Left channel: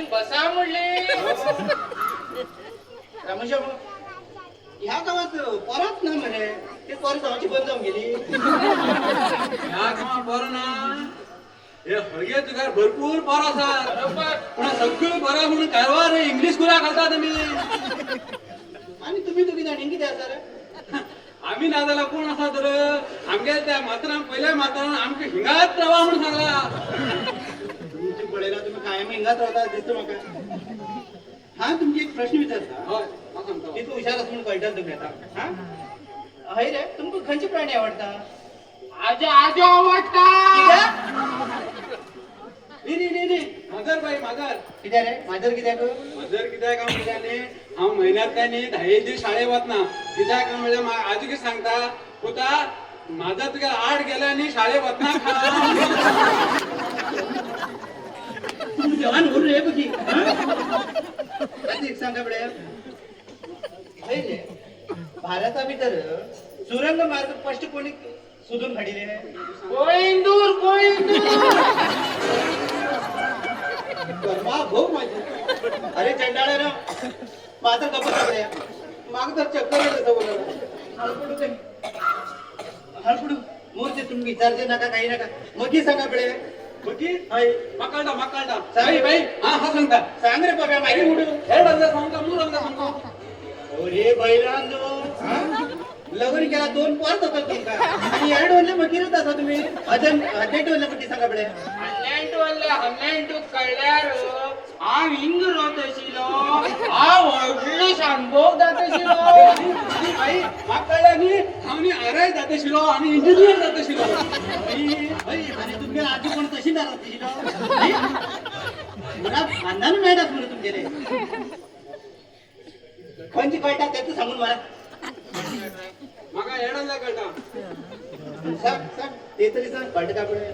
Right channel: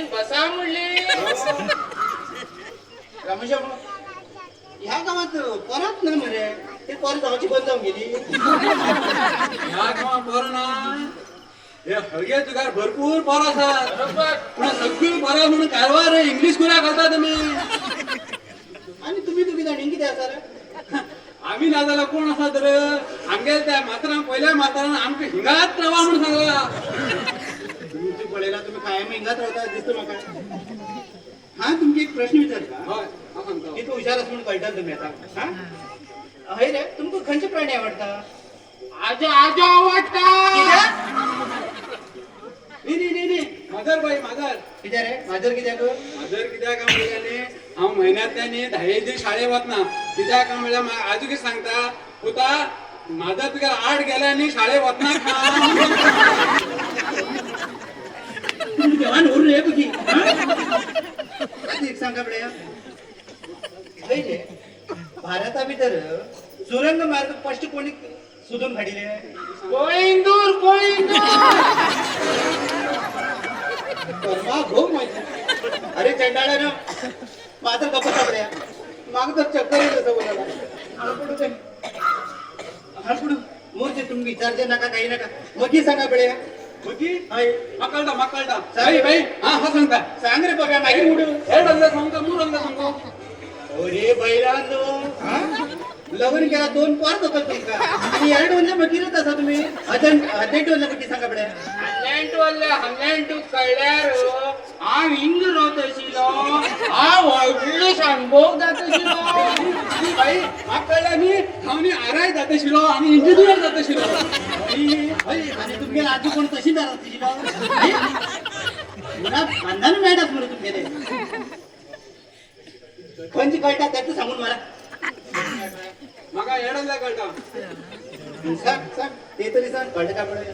आईन बसा म्हणले. म्हणजे ह्या गावात परत ना म्हणे ते परत गावाची बंद जाऊन गेली. ह्या गावात बरं ना हे हळगे तुकार भरपूर पोर असतात. बरोबर. पण सगळी बरं म्हणून कारवार इंग्लिश कुऱ्या घालता तुम्ही. आणि तुम्ही तुम्ही जाणीन किती असा रे? आम्ही नादाला कोण असा तर आमगे त्या मास्तरान पहिल्या मास्तरान आमच्या हिंगात रवा म्हणून सांगला. तुमची पळेला तुम्ही कायम हिंगात राहता दिसतो म्हाका. हा तुमची एक प्रश्न विचारता. होय हांव सांगतो. किती हुशार असं म्हणून कळटा तुम्ही आता. हा हय रे तुमका खंयचे प्राणी आवडता? आजो आजो आवडता. नाही माजर बाई माजर. कित्या रे माझर कित्याक? माजर कित्याक काम केल्याने हांव म्हयन्यांतल्यानी 10 दीस शाळेक वतना. कित्याक काय म्हणल्यार आजू कितें सांगता पुता माझा तुगे 8 गेल्यानी शाळेक वतना तुम्ही देवान उरून रे तुझी. एक सांगा बडे हय रे भारता भितर सुरंग मार्ग फर्स्ट कोणी सोदून काडिले? कोइंदूर कोइंदूर. कर्मा भाऊ माझे. अरे चंडाळा ना माझा गप्प पकड्या माग तर चक्कर येत होतं बोलायला. हळपडू दे हळपडू मूर्ती तुम्ही विचारते नका काही नका मग सांगा बडे. मगी हय मकळटा मकळटा सांग बाई हा हा सांगता. सांग रे बाबा मागे उडू. हे रंग सांगतो मूळ रंग सांगतो. अरे बैलांनो लग्न केला 2 पोर होतात तुमका आणि 2 वरले मगिरत असा तुम्ही अजून वरले किती सांगा बडे. हल्लेंटू कळल्यार हांव हिंग रावत आशिल्लो. हांव व्हडली शानभोग जात आशिल्लो. ती बाई म्हाका कळ्ळें न्ही हांव न्ही आराय जात आशिल्लो आनी इंजिनियर जात आशिल्लो. आणि तुमगे आजी कोण तशी जात आशिल्लो. मला खानदान मेळटात म्हणून तुमगेले खंयची कळटा त्याचं सांगून मला. म्हाका हेडन जाय कळटा. सांग सांग ते तरी सांग कळटा काय पडे.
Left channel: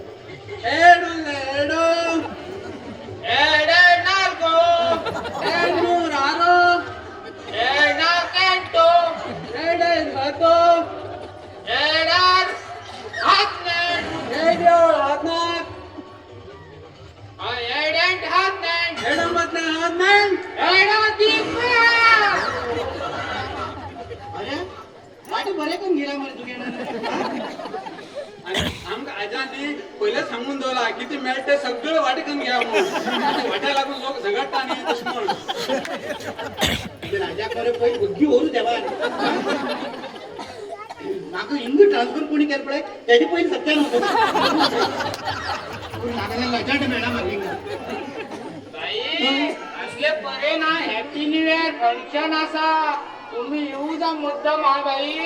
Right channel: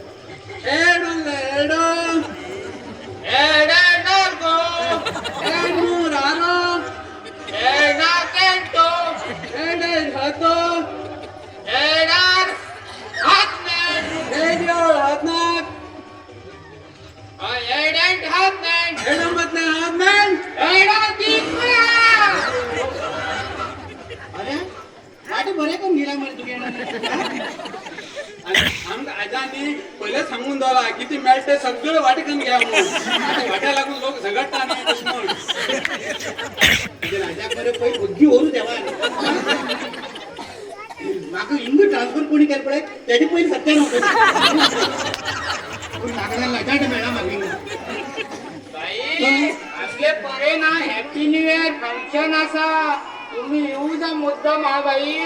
हेडन जाय हेडन. एडे नार्गो. हेडूर आरो. एडा केंटो. हेडे हातो. एडार हातनेट. हेड्योळ हातनाक. एडेंट हातनेट. हेडन मतले हातनाक. एडा दिपया. अरे वाट बरे करून गेला म्हणे तुगे. आमकां आजांनी पयले सांगून दवरला कितें मेळटा सगळं वाटेकन घ्या म्हणून. वाट्या लागून लोक झगडटा न्ही दुश्मन. राजा करे पै बुद्धी होऊ देवा. माग इंग ट्रान्सफर कोणी केलं पडे त्याची पहिले सत्य नव्हतं. मागायला लजाट मेळा मागे. बाई असले बरे ना हॅपी न्यू इयर फंक्शन असा. तुम्ही येऊ जा मुद्दाम हा बाई.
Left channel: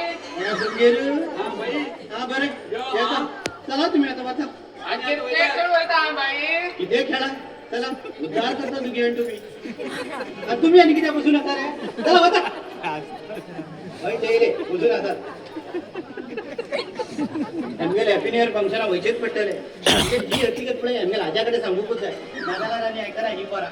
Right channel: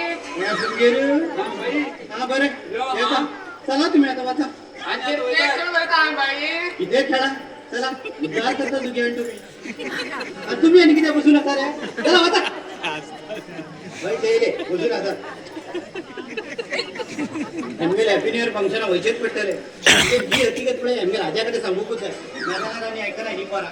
हा बरं येता. चला तुम्ही आता वाचा. आणि क्रिकेट खेळता हा बाई. किती खेळा चला विचार करता तुम्ही आणि तुम्ही तुम्ही आणि किती बसून असा रे. चला वाचा. रे बसून असा ML happy new year function व्हायचेच पडटले. जी हकीकत पडे एमएल राजाकडे सांगूकच आहे. नादाला आणि ऐका ना ही परा.